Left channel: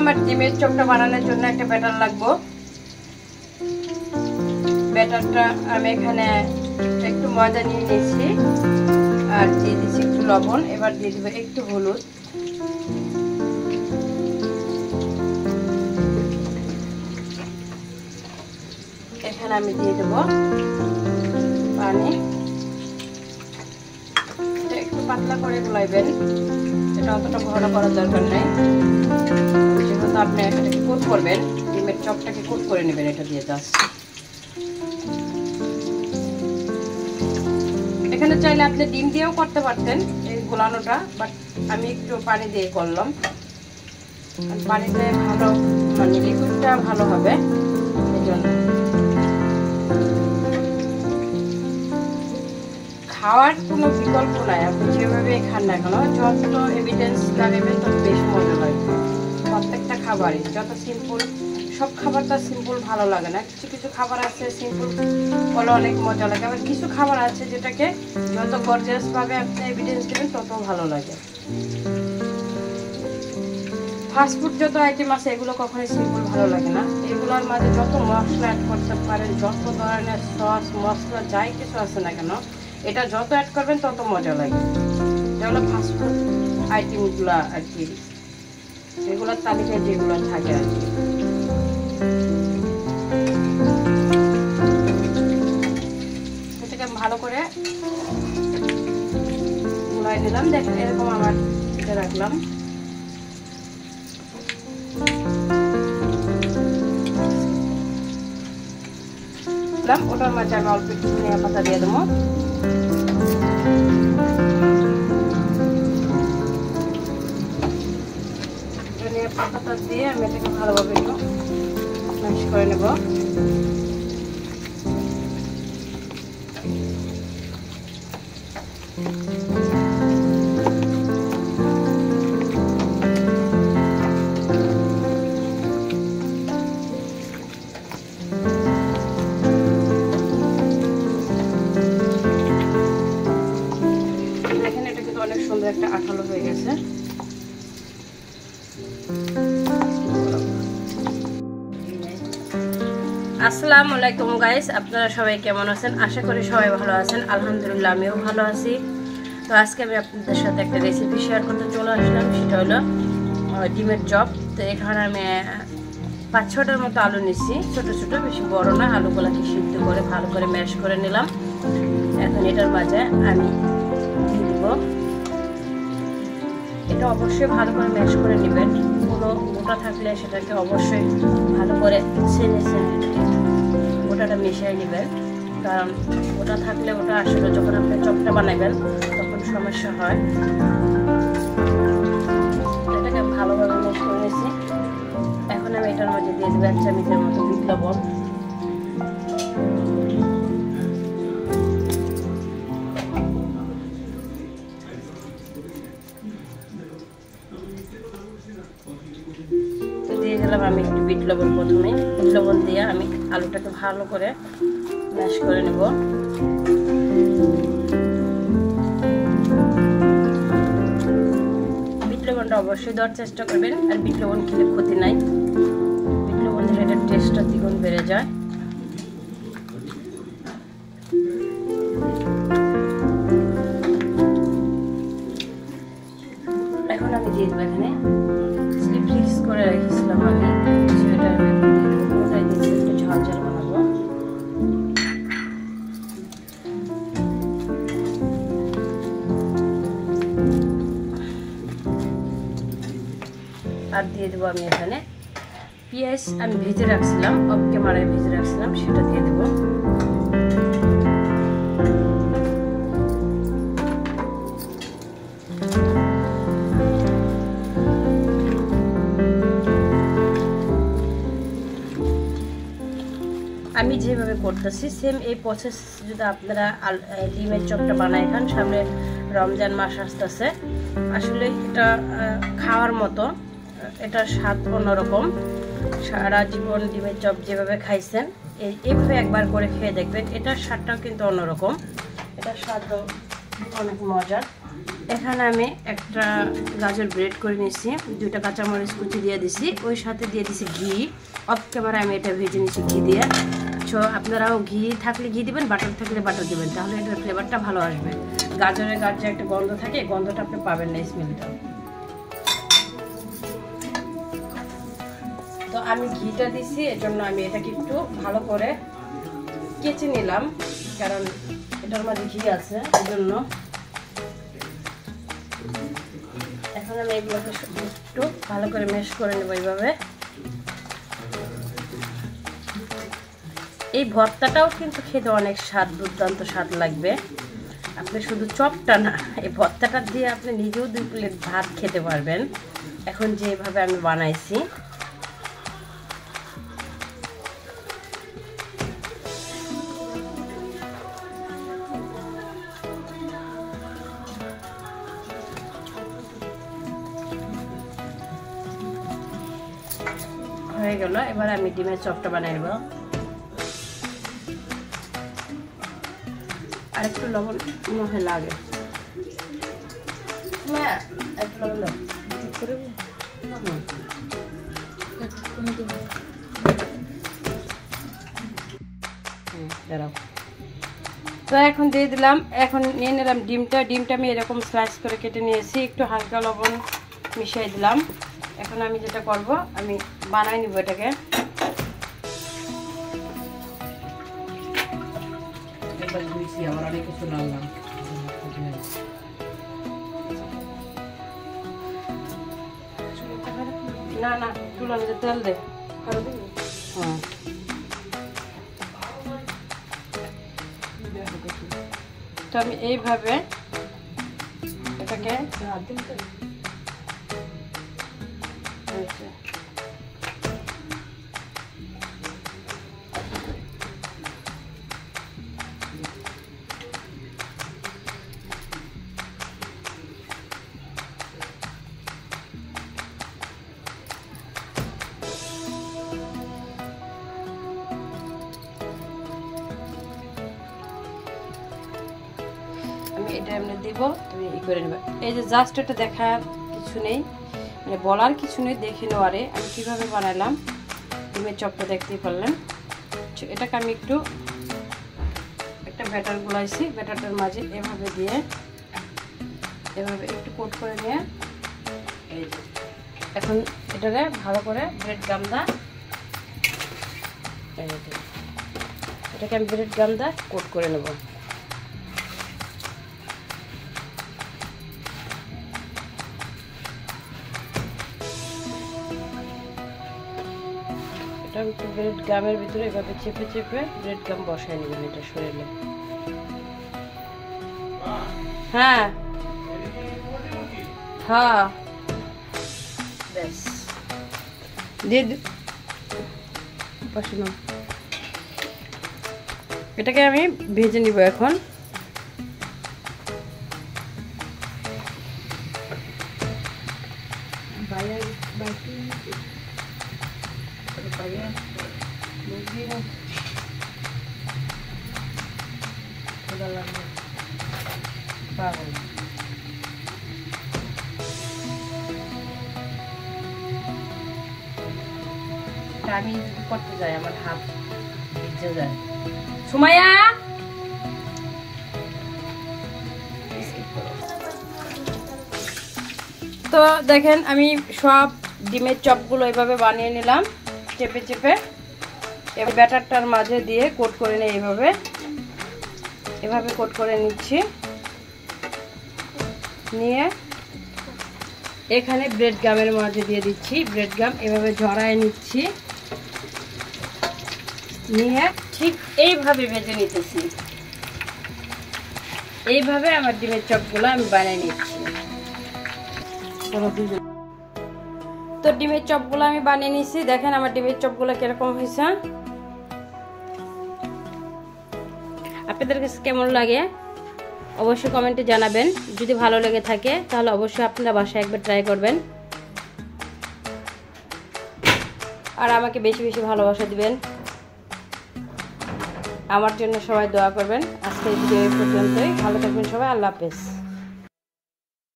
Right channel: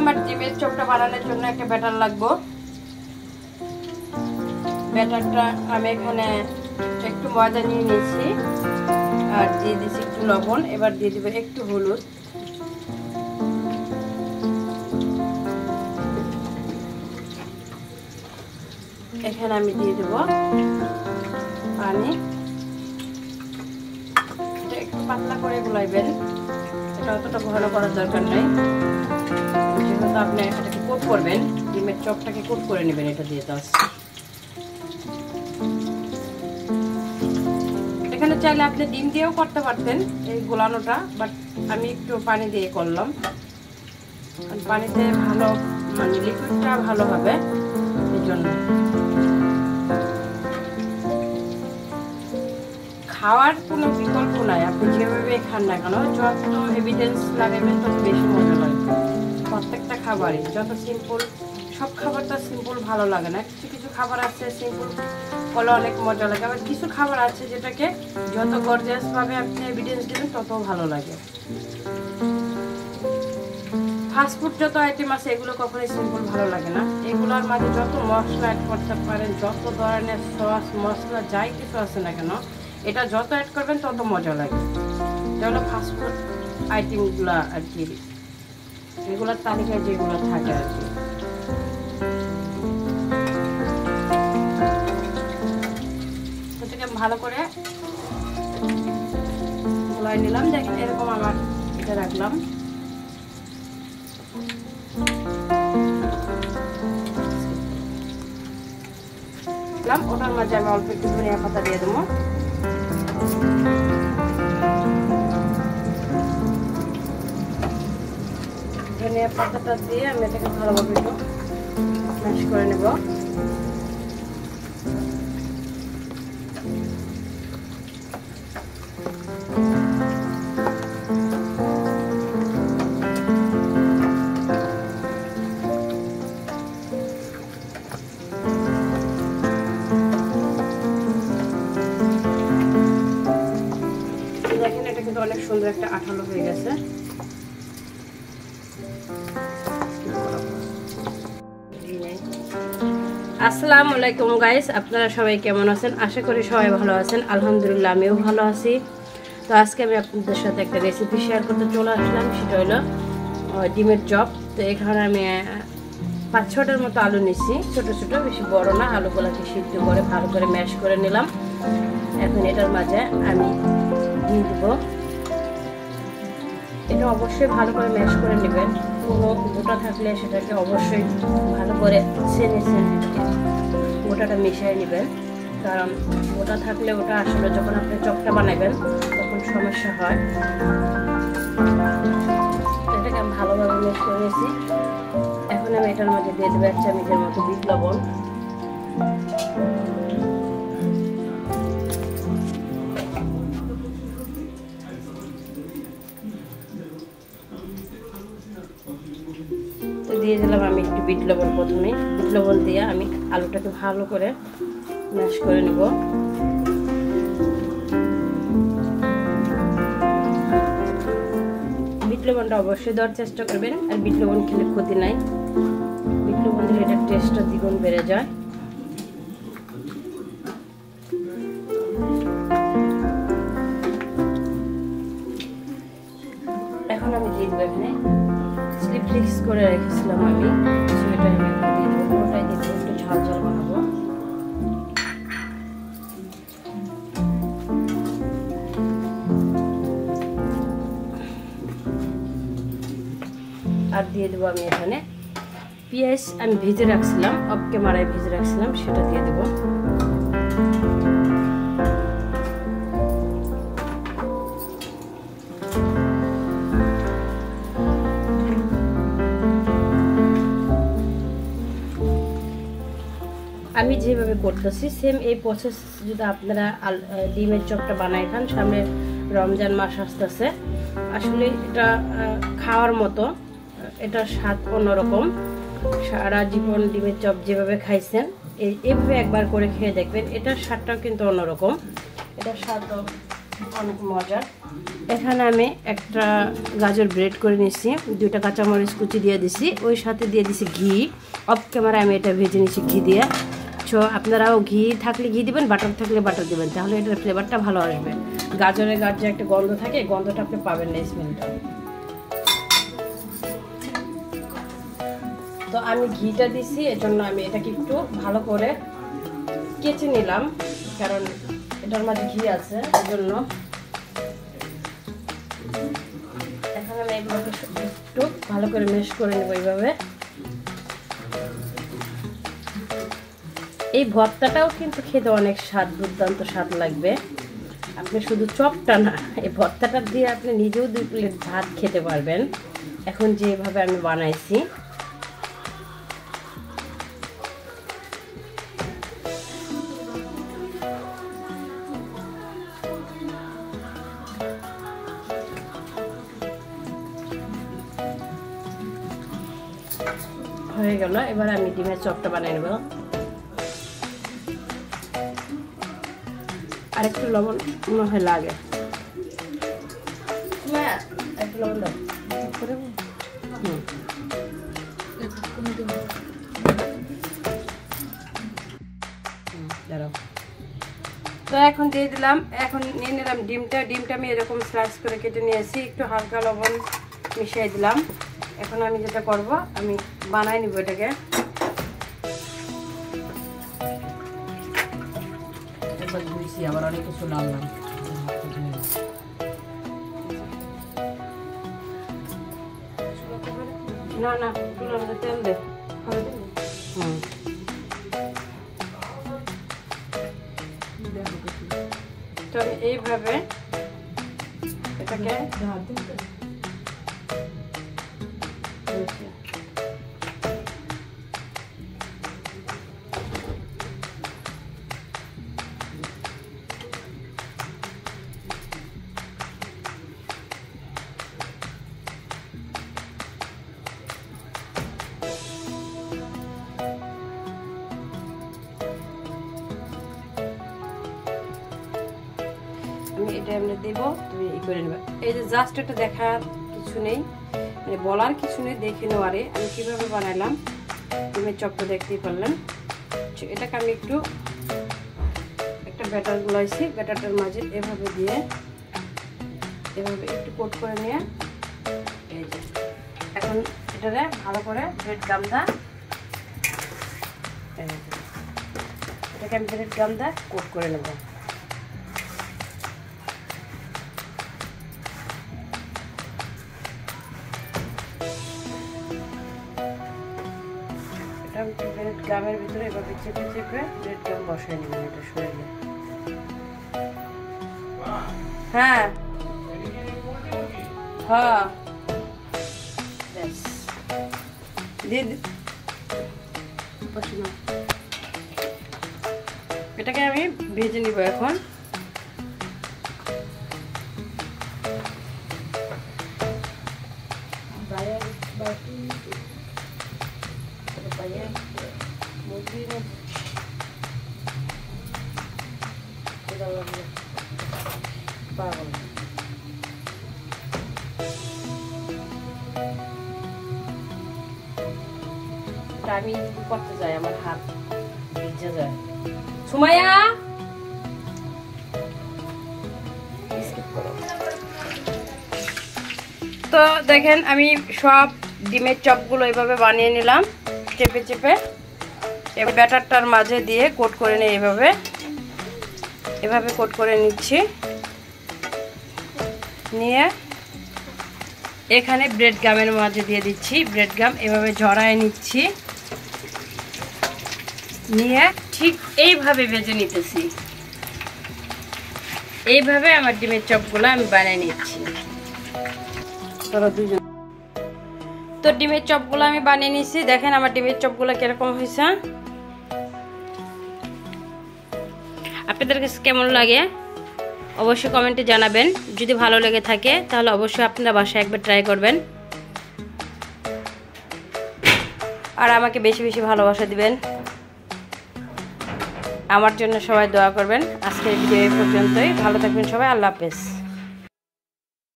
আমার ডিমের চপটা বানানোর জন্য একটা ব্যাটার লাগবে। ব্যাটারটা আমি এখানে একটু ময়দা নিয়ে নিয়েছি আর দিয়ে দিচ্ছি একটু লবণ। এবার দিয়ে দেবো একটু হলুদ, এখানে আমি দিয়ে দেবো পানি। এটা একটু পাতলা করে গুলাইবেন, এটা অতটা ঘন করার দরকার নেই। যেহেতু আপনি এটাকে কুক করবেন, ডিমের চপটাকে কুক করে নেবেন এটা দিয়ে। জাস্ট এখানে চাইলে আপনি ডিম দিয়েও করতে পারতেন এই গোলানোটা, বাট আমি একটু পানি দিয়ে করলাম। পানিতে ভালো মানে লিকুইডটা ভালো হবে এই জন্য। খাওয়ার কোনো বিকল্প নাই, আপনি যেভাবে খান না কেন, যত এভিডেন্স না নেবেন তত বেশি মজা লাগবে। প্রত্যেকটা খাবারই যত সিম্পল, সব খাবারটা সিম্পল ভালো লাগে না। কিছু কিছু খাবার আছে সিম্পল বলে অনেক মজা লাগে, আবার কিছু খাবার আছে যেটাকে যত গর্জিয়াস ভাবে আপনি এভিডেন্স দেবেন তত ভালো লাগে। ফাস্টফুড যত আইটেম আছে এগুলো কখনোই সিম্পল ভালো লাগে না। এগুলোর মাঝে যত মশলা অ্যাড করতে পারেন, যত ধরনের সস মশলা যাই কিছু আছে না কেন, এটা যত অ্যাড করবেন তত মজা লাগে। এটা হলো ফাস্টফুড আইটেমগুলো আর কি, এগুলোর তালিকায় যেগুলো থাকে আর কি। এটাকে ভালো করে গুলাই নিলাম। দেখেন এরকম আমার এটা রাখলাম। ওটার মাঝে আমি অল্প একটু ধনিয়া পাতা দিয়ে দেবো। ধনিয়া পাতাটা দিয়ে আমি এটাকে ভালোভাবে একটু ম্যাশ করে নেব। দেখেন এটা কিন্তু অনেক সুন্দর একটা আঠালো হয়ে গেছে। আসসালামু আলাইকুম গাইস, আপনারা সবাই কেমন আছেন? আশা করি সবাই ভালো আছেন। আলহামদুলিল্লাহ আমিও ভালো আছি। তো আজকে আমি আপনাদের সাথে একটা রেসিপি শেয়ার করতে চলে আসলাম, সেটা হলো ডিমের চপ। তো এখানে আমি 5-6টার মতো আলু নিচ্ছি, ছোট ছোট, বেশি বড় না। আলুগুলাকে সিদ্ধ করে ভালো করে ম্যাশ করে নিলাম। এখন এটার মাঝে আমি দিয়ে দেবো, এটা অবশ্যই ভালো করে ম্যাশ করে নেবেন। কোনো গোটা থাকলে সেটাকে অবশ্যই ভালো করে ছেনে গোটাটা মিশিয়ে নেবেন, কারণ গোটা থাকলে ওটা আসলে যখন আপনি চপটা বানাবেন তখন সমস্যা হয়। এটাকে আমি ভালোভাবে মিক্স করে নিয়েছি। এখন আমি এটার মধ্যে দিয়ে দেবো 1 চামচের মতো বিট লবণ। তো দিয়ে দিলাম আমি একটু বিট লবণ। প্রথমে বিট লবণ দিয়ে আমি আলুটাকে ভালো করে ম্যাশ করে নেব। বিট লবণটা অবশ্যই দেওয়ার চেষ্টা করবেন, আর বিট লবণ খেলে ক্ষতি নাই। বিট লবণ দিলে এটার টেস্টটা দ্বিগুণ বেড়ে যায়। এখন আমি দিয়ে দেবো এখানে স্লিপ ফিক্স করে রেখেছিলাম আমি, সেটা আমি দিয়ে দেবো। পুরোটাই দিয়ে দেবো, একটু ঝাল ঝাল বানাবো। আর দিয়ে দেবো আমি এখানে পেঁয়াজ, আমি ভেজে রাখছিলাম, অফ ক্যামেরায় ভেজে রাখছিলাম, সেটা দিয়ে দেবো। আমি যেভাবে করতেছি সেম এই প্রসেস যদি আপনারা ডিমের চপটা বানাই খান, সামনে রমজান মাস আসতেছে, আসলে এটা খাওয়ার মতো, এটার স্বাদ অন্যরকম। সারা জীবন ডিমের চপ যেভাবে খাইছেন এইভাবে একবার করে খেয়ে দেখবেন, এটার স্বাদটাও কিন্তু অন্যরকম। এটার স্বাদও অনেক মজার। এখানে আমি একটা গাজর ব্রেড করে নিয়েছি, 2টা কাঁচামরিচ কুচি দিয়ে দিছি, ওই সাথে দিয়ে দিছি ঘি। অফ ক্যামেরা আমি এটা ভেজে নিয়েছি ঘি দিয়ে। সো আপনারাও ঘি থাকলে ঘি দিবেন, বাটার থাকলে বাটার দিবেন, তাহলে এটার ফ্লেভারটা ভালো আসবে। গাজরের গাছে একটা গন্ধ থাকে, গন্ধটা আপনি পাবেন না, স্মেলটা। তো আমি ঘিটা দিছি, এজন্য আমি এটাকে একটু ভালো করে কেচে নিলাম, কারণ এটার মাঝে ঘি আছে, এজন্য। এখন আমি এগুলোকে একটু ভালো করে মেশ করে নেব এইভাবে। এই ভর্তাটাও কিন্তু খেতে অনেক স্বাদ, দুর্দান্ত স্বাদ লাগবে। আপনি শুধু চপটা না, এই ভর্তাটা দিয়ে আপনি নিজেও 2 প্লেট ভাত খেতে পারবেন, এখন যেভাবে আমি বানাইছি। হয়ে গেল, এবার আমি ডিমের চপটা বানিয়ে নেব। আরেকটু লবণ মনে হয় লাগে, একটু লবণ দাও। তো এখন দিয়ে দিলাম, এখন নিয়ে নিলাম ডিমটা। আমি এরকম স্লাইস করে কেটে নিয়েছি, একটু হালকা লবণ মিশিয়ে দিলাম। এখন আমি যেটা করব, আমি বানাই নিব এটাকে। আবার অনেক কিছু নামলাম, না না তেল দে। হ্যাঁ, তো আমি এইভাবে এটাকে এটা এমনি দেব, তুমি ই করে নেবে। এই যে জাস্ট এটা দেখার কিছু নেই, মানে বলার কিছু নেই, দেখে নেওয়ারে আমি কীভাবে বানাইলাম। ডিমের চপটা দেখতেই পারলেন। এটাকে আমি একটু একটা ব্যাটার গুলাইছি, ব্যাটারটার মাঝে এভাবে দিয়ে এভাবে একটু কোট করে নিয়ে, এই যে এখন এটাকে ভালো করে ব্রেড গামদা, এটাকে আমি ব্রেড গামদা কোট করে নেব। ব্রেড গামের ভিতরে এভাবে চেপে চেপে ব্রেড গাম বসাই নেবেন এটা শরীরে। হ্যাঁ হ্যাঁ, ব্যাস দিয়ে এটাকে আমি ভেজে নিব এখন। আমি করতে যাই, আমার হাত ভিজে যায়। সুমাইয়া, তো দেখেন আমি সব ডিমের চপগুলো এভাবে বানিয়ে নিলাম, চেপে চেপে। এবার ব্যাটারটার মাঝে দিয়ে কোট করে নিই, এভাবে কোট করে নিচ্ছি। নিয়ে এখানে ব্রেড গামের মাঝে দিয়ে দিচ্ছি, ব্রেড গাম এভাবে ঝরায় নিচ্ছি, নিয়ে ঠিক এইভাবে ভেজে নিতেছি। এইভাবে আমার ডিমের চপগুলো আমি বানিয়ে নিচ্ছি। তো ডিমের চপগুলো আমি বানিয়ে নিচ্ছি, দেখেন আমার ডিমের চপগুলো কিরকম হয়েছে। আপনাদের কাছে কেমন লাগে অবশ্যই কমেন্টে জানাবেন। যদি ভালো লেগে থাকে তাহলে অবশ্যই আপনারা বাসায় একবার ট্রাই করবেন, আর আমাকে বেশি বেশি ভালোবাসা দিবেন। আমার জন্য সবাই দোয়া করবেন। আজকের ভিডিও এই পর্যন্তই। ভালো থাকবেন সবাই। আল্লাহ হাফেজ।